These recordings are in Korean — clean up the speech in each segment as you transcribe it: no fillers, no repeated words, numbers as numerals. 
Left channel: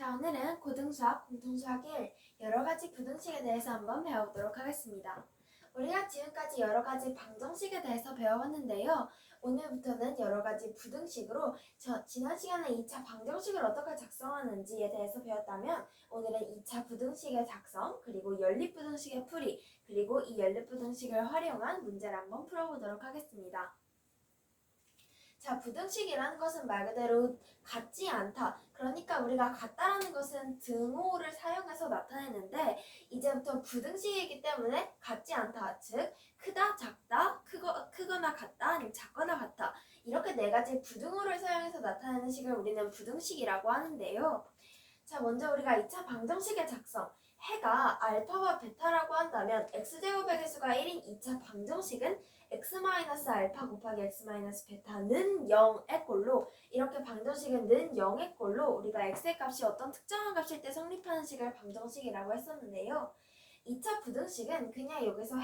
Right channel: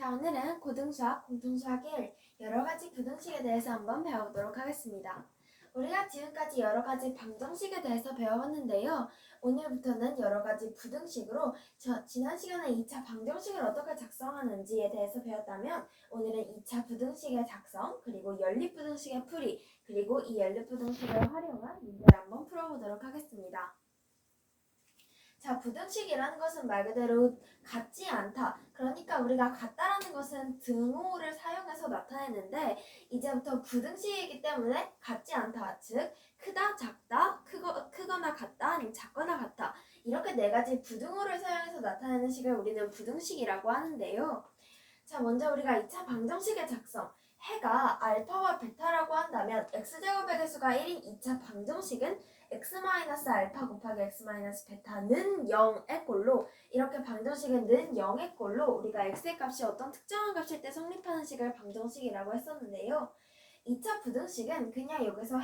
자, 오늘은 고등수학, 공통수학 1 여러가지 부등식에 대해서 한번 배워보도록 하겠습니다. 우리가 지금까지 여러가지 방정식에 대해서 배워봤는데요. 오늘부터는 여러가지 부등식으로 지난 시간에 2차 방정식을 어떻게 작성하는지에 대해서 배웠다면 오늘은 2차 부등식의 작성, 그리고 연립부등식의 풀이, 그리고 이 연립부등식을 활용한 문제를 한번 풀어보도록 하겠습니다. 자, 부등식이라는 것은 말 그대로 같지 않다. 그러니까 우리가 같다라는 것은 등호를 사용해서 나타내는데 이제부터 부등식이기 때문에 같지 않다. 즉, 크다, 작다, 크거나 같다, 아니면 작거나 같다. 이렇게 네 가지 부등호를 사용해서 나타내는 식을 우리는 부등식이라고 하는데요. 자, 먼저 우리가 2차 방정식의 작성. 해가 알파와 베타라고 한다면 x제곱의 개수가 1인 2차 방정식은 x-알파 곱하기 x-베타는 0의 꼴로, 이렇게 방정식은 는 0의 꼴로 우리가 x의 값이 어떤 특정한 값일 때 성립하는 식을 방정식이라고 했었는데요. 2차 부등식은 그냥 여기서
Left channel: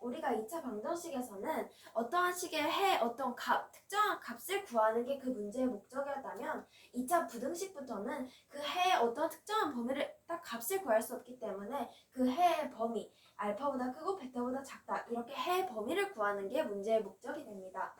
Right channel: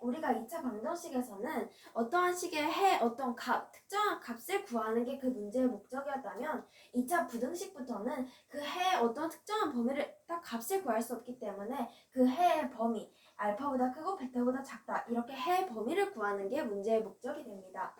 우리가 2차 방정식에서는 어떠한 식의 어떤 특정한 값을 구하는 게 그 문제의 목적이었다면 2차 부등식부터는 그 해의 어떤 특정한 범위를 딱 값을 구할 수 없기 때문에 그 해의 범위, 알파보다 크고 베타보다 작다, 이렇게 해의 범위를 구하는 게 문제의 목적이 됩니다.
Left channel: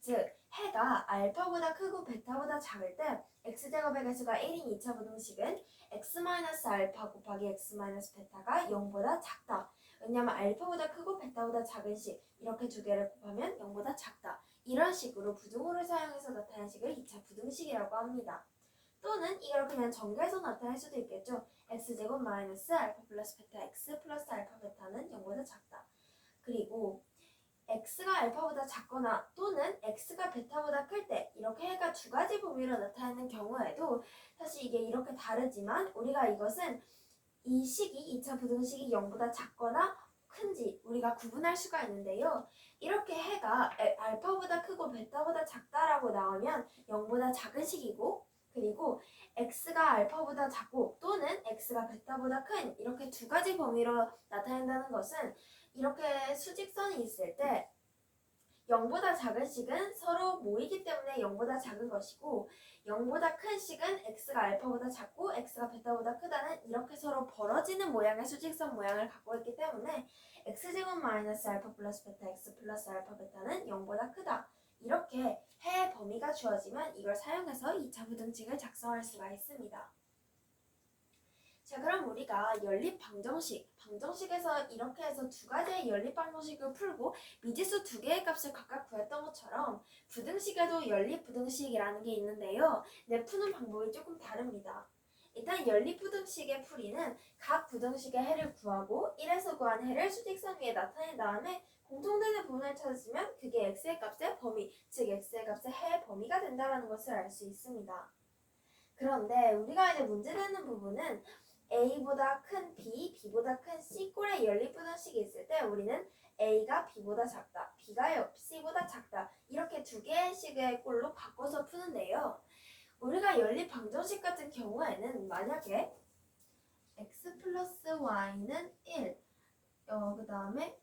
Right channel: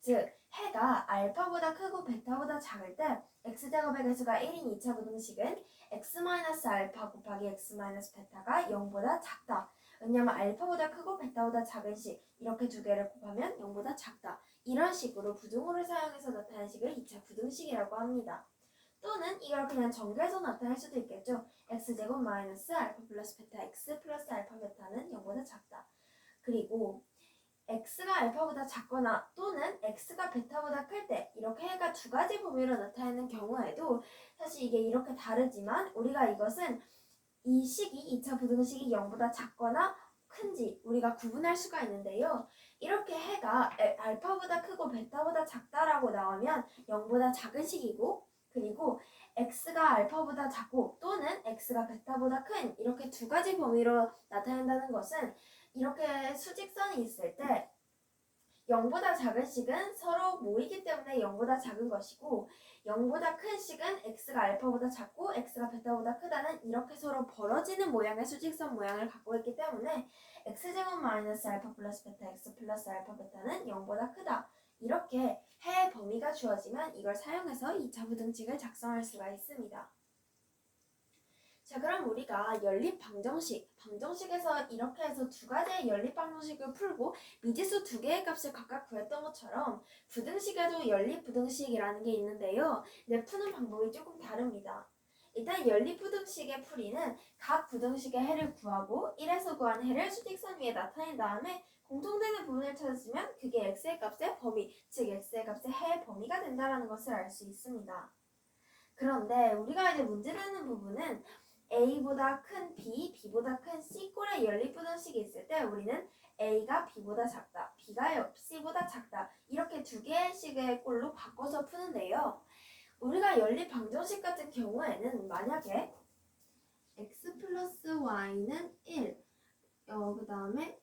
즉, 해가 알파보다 크고 베타보다 작을 때 x제곱의 개수가 1인 2차 부등식은 x-알파 곱하기 x-베타가 0보다 작다. 왜냐하면 알파보다 크고 베타보다 작은 식, 이렇게 두 개를 곱하면 0보다 작다. 이런 식으로 부등호를 사용해서 나타낸 식을 2차 부등식이라고 합니다. 또는 이걸 그냥 전개해서 나타낼 수도 있겠죠. x제곱 마이너스 알파 플러스 베타 x 플러스 알파 베타는 0보다 작다. 그리고 x가 알파보다 작거나 또는 x가 베타보다 클 때, 이렇게 해가 두 가지 범위로 나타내는 경우에도 사실 이게 이렇게 다르지만 우리가 이것은 이 식이 2차 부등식이 0보다 작거나 큰지 우리가 구분할 수가 있는데요. 이렇게 해가 알파보다 크고 베타보다 작다라고 나오면 0보다 작은 식이고, 그리고 x가 알파보다 작고 또는 x가 베타보다 큰, 이렇게 두 가지 범위로 나타낸다는 것은 이렇게 수직선이 있을 때 0보다 작은 식은 서로 모이기 때문에 0보다 작은 것이고 0보다 큰 식은 x가 알파보다 작고 x가 베타보다 크다는 이렇게 서로 벌어지는 모양의 수직선 모양을 갖고 있기 때문에 x제곱 마이너스 알파 플러스 베타 x 플러스 알파 베타는 0보다 크다. 이렇게 해의 범위가 주어지면 이걸 사용해서 2차 부등식을 작성할 수가 있습니다. 자, 그럼 우리가 방정식에서 이렇게 해서 두 가지의 연립방정식을 풀고 미지수 두 개의 값을 각각 구했던 것처럼 부등식에도 연립부등식이라는 게 있는데요. 푸는 방법이 조금 다릅니다. 일단 연립부등식의 풀이는 각 부등식의 해를 구하고 1에서 구한 해를 수직선 위에 나타낸 다음에 공통되는 부분을 찾으면 그게 x의 값의 범위, 즉 x의 값의 해의 범위가 된다는 것을 알 수 있습니다. 그런데 우리가 이제 문제되는 부분은 A보다 큰 B, B보다 큰 C 꼴의 연립부등식이 있을 때 우리는 A가 B보다 작다, B가 C보다 작다, 이렇게 두 개의 식의 꼴로 바꿔서 푸는데요. 우리가 연립방정식 같은 경우에는 만약에 x 플러스 y는 1, 그 다음에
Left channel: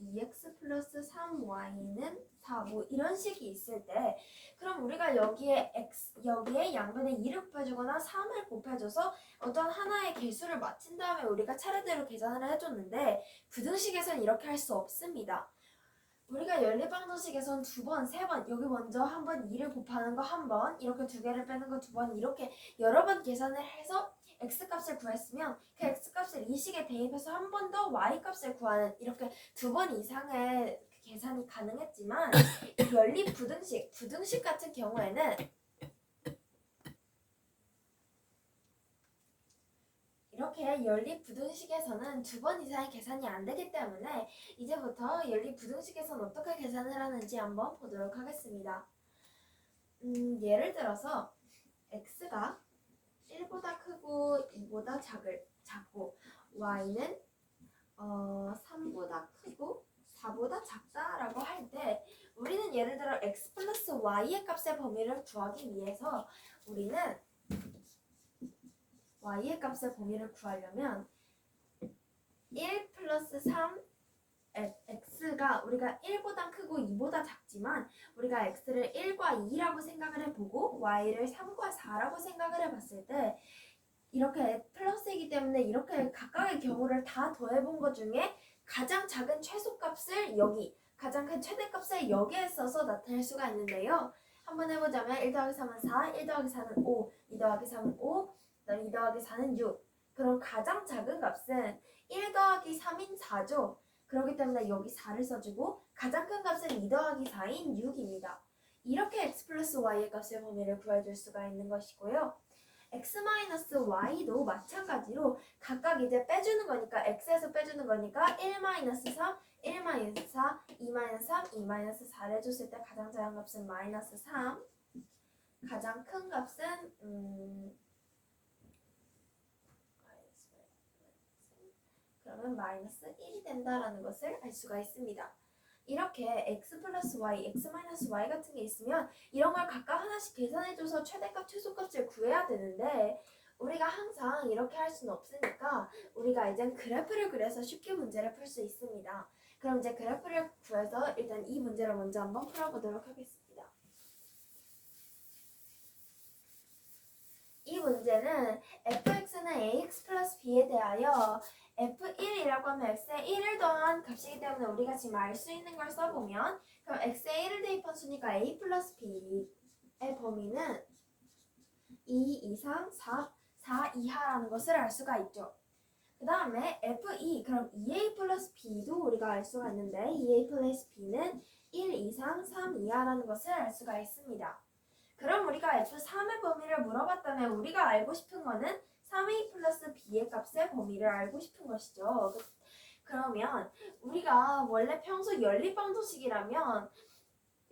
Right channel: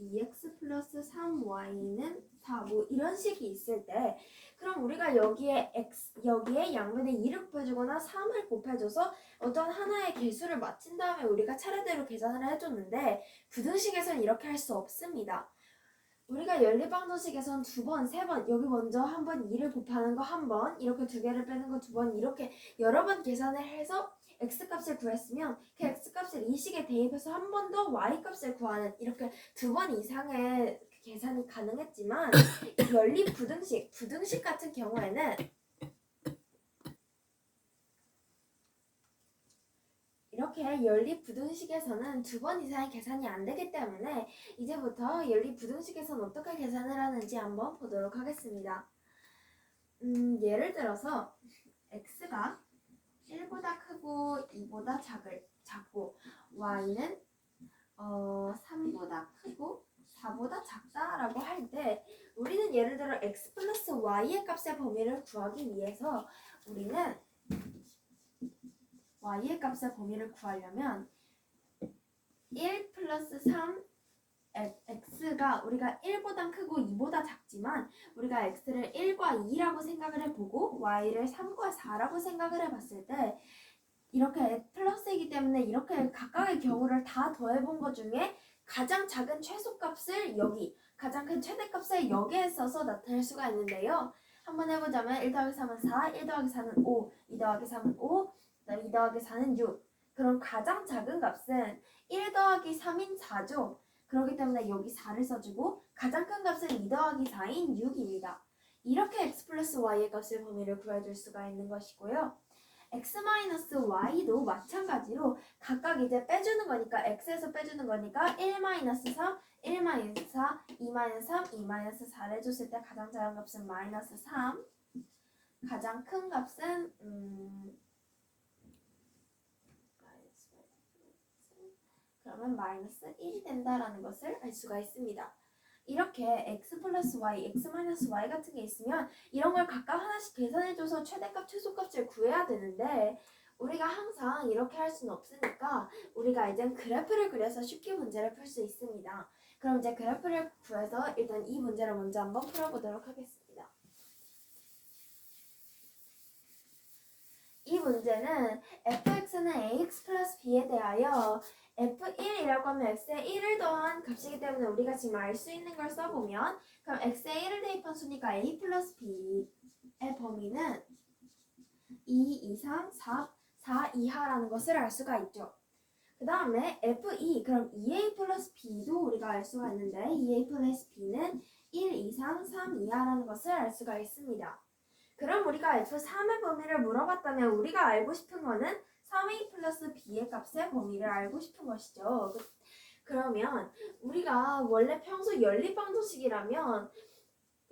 2x 플러스 3y는 4, 뭐 이런 식이 있을 때, 그럼 우리가 여기에 양변에 2를 곱해주거나 3을 곱해줘서 어떤 하나의 개수를 맞힌 다음에 우리가 차례대로 계산을 해줬는데 부등식에서는 이렇게 할 수 없습니다. 우리가 연립방정식에서는 두 번, 세 번, 여기 먼저 한 번 2를 곱하는 거 한 번, 이렇게 두 개를 빼는 거 두 번, 이렇게 여러 번 계산을 해서 x값을 구했으면 그 x값을 이 식에 대입해서 한 번 더 y값을 구하는, 이렇게 두 번 이상의 계산이 가능했지만 연립 부등식 같은 경우에는 이렇게 연립 부등식에서는 두 번 이상의 계산이 안 되기 때문에 이제부터 연립 부등식에서는 어떻게 계산을 하는지 한번 보도록 하겠습니다. 예를 들어서 x가 1보다 크고 2보다 작고 y는 3보다 크고 4보다 작다라고 할 때 우리는 예를 들어 x 플러스 y의 값의 범위를 구하기 위해서 우리는 y의 값의 범위를 구하려면 1 플러스 3 x가 우리가 1보다 크고 2보다 작지만 우리가 x를 1과 2라고 생각을 해보고 y를 3과 4라고 생각을 해봤을 때 이렇게 플러스이기 때문에 이렇게 각각의 경우를 다 더해본 것 중에 가장 작은 최소값을 여기, 가장 큰 최대값을 여기에 써서 나타낼 수가 있는데요. 한번 해보자면 1 더하기 3은 4, 1 더하기 4는 5, 2 더하기 3은 5, 2 더하기 4는 6. 그럼 가장 작은 값은 1 더하기 3인 4죠. 그렇기 때문에 여기 4를 써주고 가장 큰 값은 2 더하기 4인 6입니다. 이렇게 x 플러스 y의 값의 범위를 구해줄 수가 있는 것이고요. x-y도 마찬가지로 각각 이제 빼주는 거니까 x에서 빼주는 거니까 1-3, 1-4, 2-3, 2-4를 줬을 때 가장 작은 값은 -3, 가장 큰 값은 그러면 -1이 된다라는 것을 알 수가 있습니다. 이렇게 x 플러스 y, x 마이너스 y 같은 게 있으면 이런 걸 각각 하나씩 계산해줘서 최대값, 최소값을 구해야 되는데 우리가 항상 이렇게 할 수는 없으니까 우리가 이제 그래프를 그려서 쉽게 문제를 풀 수 있습니다. 그럼 이제 그래프를 구해서 일단 이 문제를 먼저 한번 풀어보도록 하겠습니다. 이 문제는 fx는 ax 플러스 b에 대하여 f1이라고 하면 x에 1을 더한 값이기 때문에 우리가 지금 알 수 있는 걸 써보면 그럼 x에 1을 대입한 수니까 a 플러스 b의 범위는 2 이상 4 이하라는 것을 알 수가 있죠. 그 다음에 f2 그럼 2a 플러스 b도 우리가 알 수가 있는데 2a 플러스 b는 1 이상 3 이하라는 것을 알 수가 있습니다. 그럼 우리가 F3의 범위를 물어봤다면 우리가 알고 싶은 거는 3a 플러스 b의 값의 범위를 알고 싶은 것이죠. 그러면 우리가 원래 평소 연립방정식이라면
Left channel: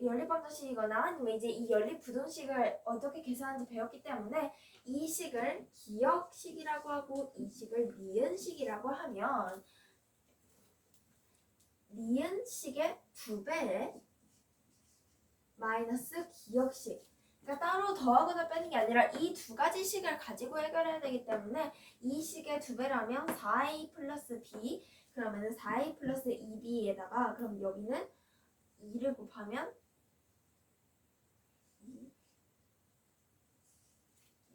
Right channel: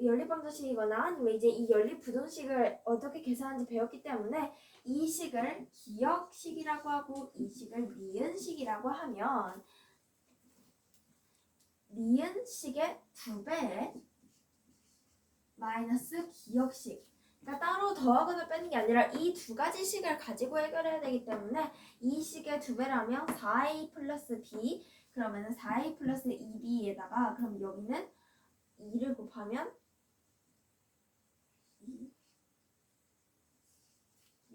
연립방정식이거나 아니면 이제 이 연립부등식을 어떻게 계산하는지 배웠기 때문에 이 식을 기역식이라고 하고 이 식을 니은식이라고 하면 니은식의 2배에 마이너스 기역식, 그러니까 따로 더하거나 빼는 게 아니라 이 두 가지 식을 가지고 해결해야 되기 때문에 이 식의 2배라면 4a 플러스 b, 그러면은 4a 플러스 2b에다가 그럼 여기는 2를 곱하면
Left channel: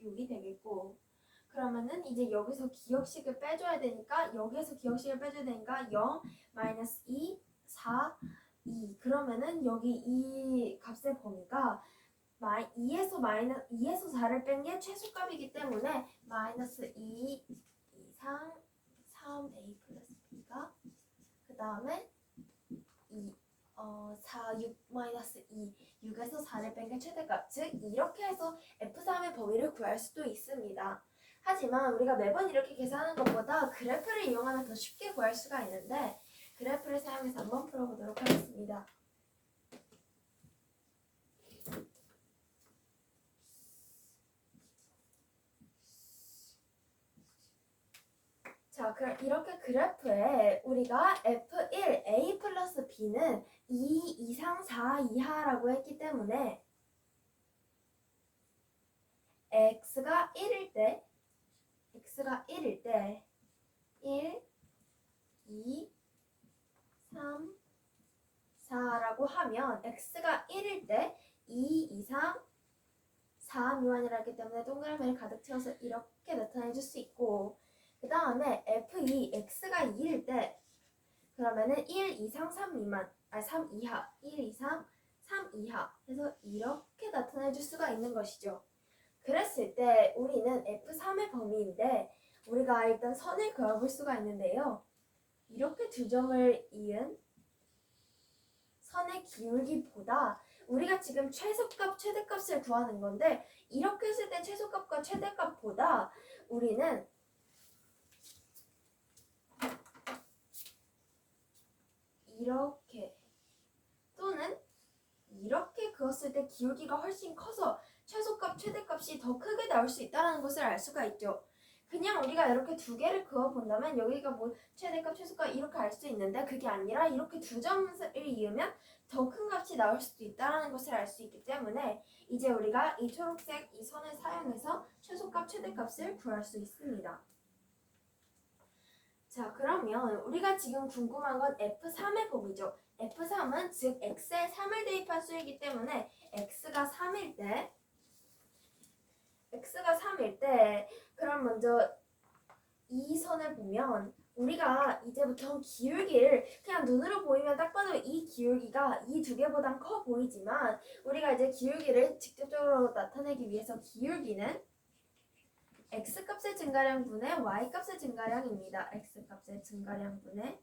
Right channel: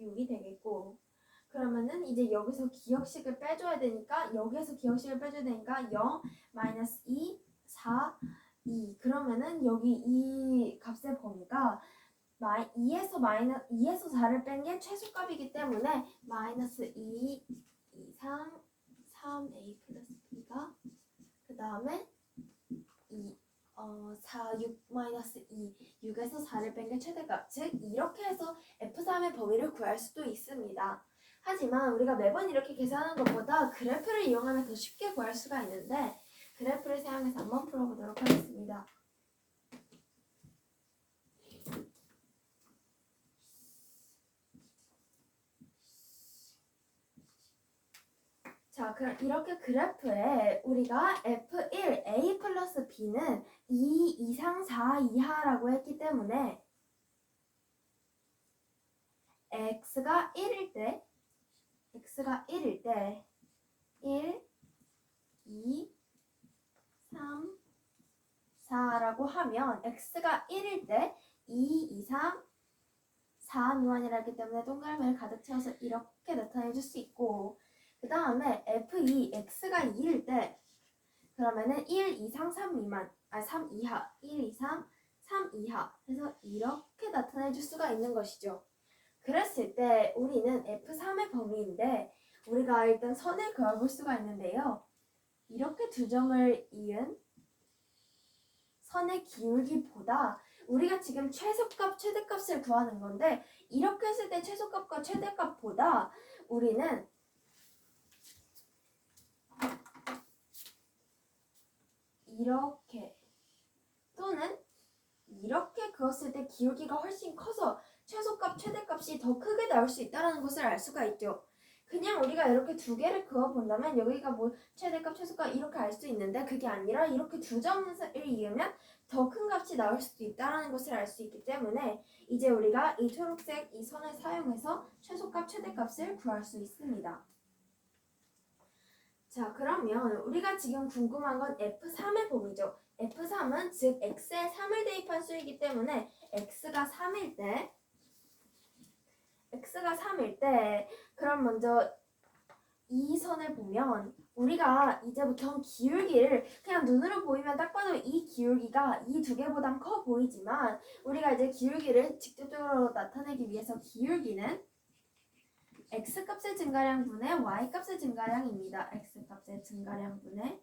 6이 되겠고, 그러면은 이제 여기서 기역식을 빼줘야 되니까 여기에서 기역식을 빼줘야 되니까 0, 마이너스 2, 4, 2. 그러면은 여기 이 값의 범위가 2에서 4를 뺀 게 최소값이기 때문에 마이너스 2 이상 3a 플러스 b가 그 다음에 6 마이너스 2, 6에서 4를 뺀 게 최대값, 즉 이렇게 해서 F3의 범위를 구할 수도 있습니다. 하지만 우리가 매번 이렇게 계산하는 것보다 그래프를 이용하면 더 쉽게 구할 수가 있는데 그래프를 사용해서 한번 풀어보도록 하겠습니다. 자, 그럼 이렇게 그래프에 우리가 F1, A 플러스 B는 2 이상 4 이하라고 했기 때문에 X가 1일 때 1, 2, 3, 4라고 하면 X가 1일 때 2 이상 4 미만이라 했기 때문에 동그라미를 가득 채워서 이렇게 나타내 줄 수 있고, 그 다음에 F2, X가 2일 때 그러면은 1 이상 3 미만, 3 이하, 1 이상 3 이하 해서 이렇게 나타내 줄 수가 있는 것이죠. 그랬을 때 우리는 F3의 범위인데 우리가 일단 선을 그어볼 수가 있는데요. 이렇게 두 점을 이은 선의 기울기보다 우리가 지금 최소값, 최대값을 구하는 건데 이렇게 했을 때 최소값과 최대값보다 우리는 이렇게 또는 이렇게 그었을 때 기울기가 훨씬 커서 최소값, 최대값이 더 크게 나올 수 있다는 것을 알 수가 있죠. 그냥 우리가 이렇게 두 개를 그어본다면 여기가 뭐 최대값, 최소값 이렇게 알 수 있는데 그게 아니라 이렇게 두 점을 이으면 더 큰 값이 나올 수도 있다는 것을 알 수 있기 때문에 이제 우리가 이 초록색 이 선을 사용해서 최소값, 최대값을 구할 수 있습니다. 자, 그러면 우리가 지금 궁금한 건 F3의 범위죠. F3은 즉 x에 3을 대입한 수이기 때문에 x가 3일 때 그럼 먼저 이 선을 보면 우리가 이제부터 기울기를 그냥 눈으로 보이면 딱 봐도 이 기울기가 이 두 개보단 커 보이지만 우리가 이제 기울기를 직접적으로 나타내기 위해서 기울기는 x값의 증가량 분의 y값의 증가량입니다. x값의 증가량 분의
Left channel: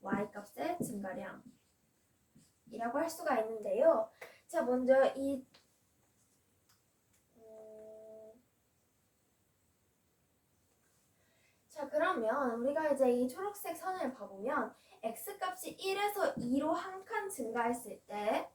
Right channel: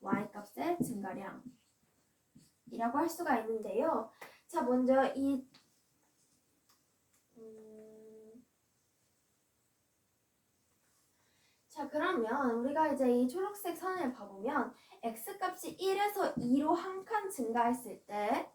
y값의 증가량이라고 할 수가 있는데요. 자, 먼저 자, 그러면 우리가 이제 이 초록색 선을 봐보면 x값이 1에서 2로 한 칸 증가했을 때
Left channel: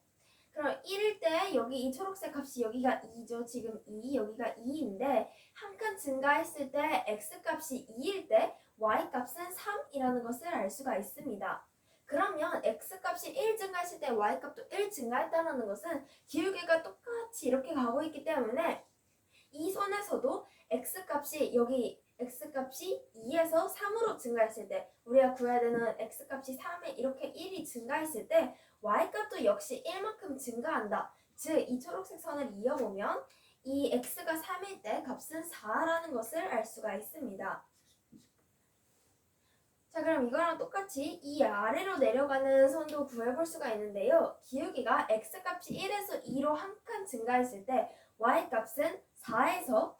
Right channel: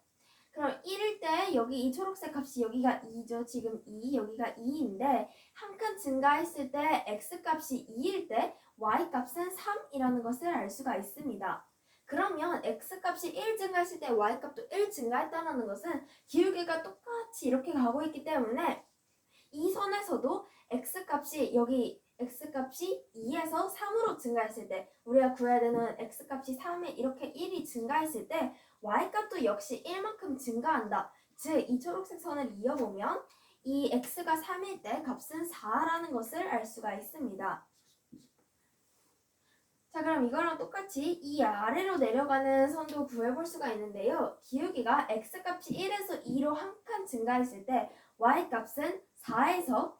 그럼 1일 때 여기 이 초록색 값이 여기가 2죠. 지금 2, 여기가 2인데 한 칸 증가했을 때 x값이 2일 때 y값은 3이라는 것을 알 수가 있습니다. 그러면 x값이 1 증가했을 때 y값도 1 증가했다는 것은 기울기가 똑같이 이렇게 가고 있기 때문에 이 선에서도 x값이 여기 x값이 2에서 3으로 증가했을 때 우리가 구해야 되는 x값이 3에 이렇게 1이 증가했을 때 y값도 역시 1만큼 증가한다. 즉 이 초록색 선을 이어보면 이 x가 3일 때 값은 4라는 것을 알 수가 있습니다. 자, 그럼 이거랑 똑같이 이 아래로 내려가는 선도 구해볼 수가 있는데요. 기울기가 x값이 1에서 2로 한 칸 증가했을 때 y값은 4에서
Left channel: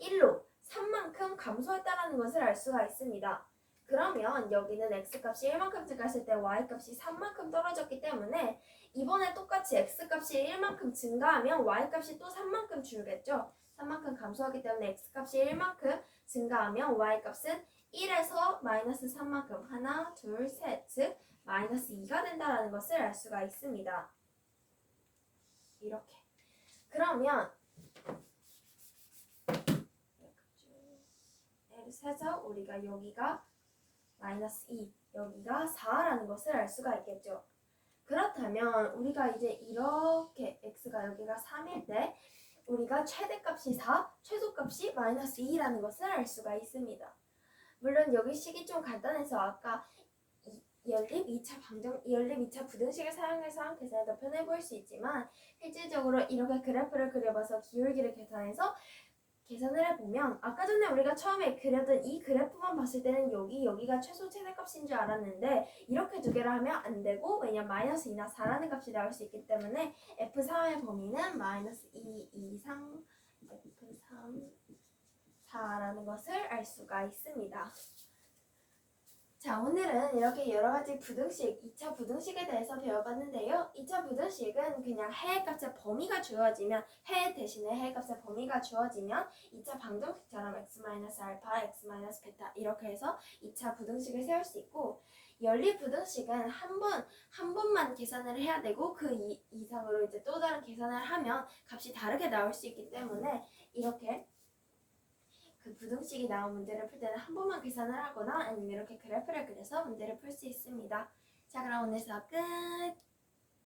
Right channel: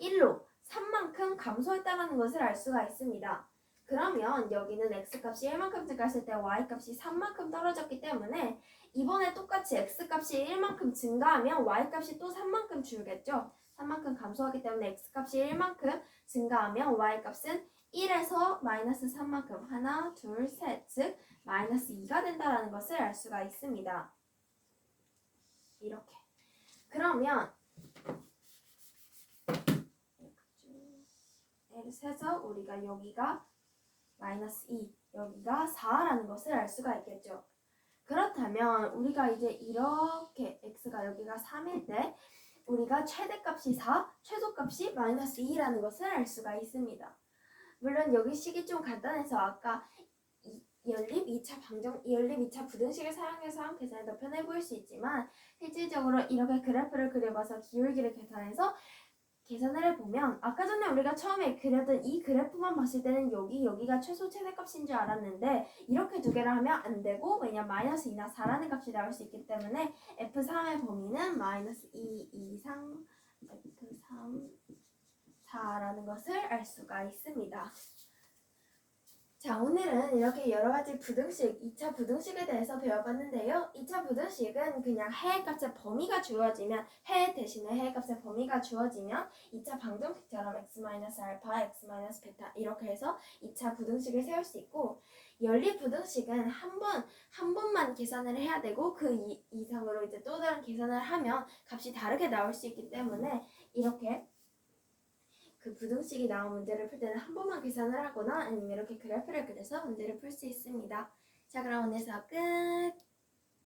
1로 3만큼 감소했다는 것을 알 수가 있습니다. 그러면 여기는 x값이 1만큼 증가했을 때 y값이 3만큼 떨어졌기 때문에 이번에 똑같이 x값이 1만큼 증가하면 y값이 또 3만큼 줄겠죠. 3만큼 감소하기 때문에 x값이 1만큼 증가하면 y값은 1에서 마이너스 3만큼 하나, 둘, 셋, 즉 마이너스 2가 된다는 것을 알 수가 있습니다. 이렇게. 그러면 해서 우리가 여기가 마이너스 2, 여기가 4라는 것을 알 수가 있겠죠. 그렇다면 우리가 이제 이렇게 x가 여기가 3일 때 우리가 최대값이 4, 최소값이 마이너스 2라는 것을 알 수가 있습니다. 물론 여기 식이 좀 간단해서 아까 연립 2차 부등식을 사용해서 계산이 더 편해 보일 수 있지만 실질적으로 이렇게 그래프를 그려봐서 기울기를 계산해서 계산을 해보면 아까 전에 우리가 처음에 그렸던 이 그래프만 봤을 때는 여기가 최소 최대값인 줄 알았는데 이렇게 두 개를 하면 안 되고 왜냐면 마이너스 2나 4라는 값이 나올 수 있기 때문에 F3의 범위는 마이너스 2 이상 F3 4라는 것을 알 수가 있습니다. 자, 오늘은 이렇게 여러가지 부등식, 2차 부등식에 대해서 배워봤는데요. 2차 부등식은 그냥 해의 값의 범위가 주어지면 해 대신에 해의 값의 범위가 주어지면 2차 방정식처럼 x-알파, x-베타 이렇게 해서 2차 부등식을 세울 수 있고 연립 부등식은 한 번만 계산을 해야 되고 그 이상으로 이제 또 다른 계산을 하면 값이 다르게 나올 수 있기 때문에 이렇게 그 부등식이 나온 문제를 풀 때는 한 번만 계산을 하거나 아니면 이렇게 그래프를 그려서 문제를 풀 수 있습니다. 자, 그럼 오늘 수업 끝!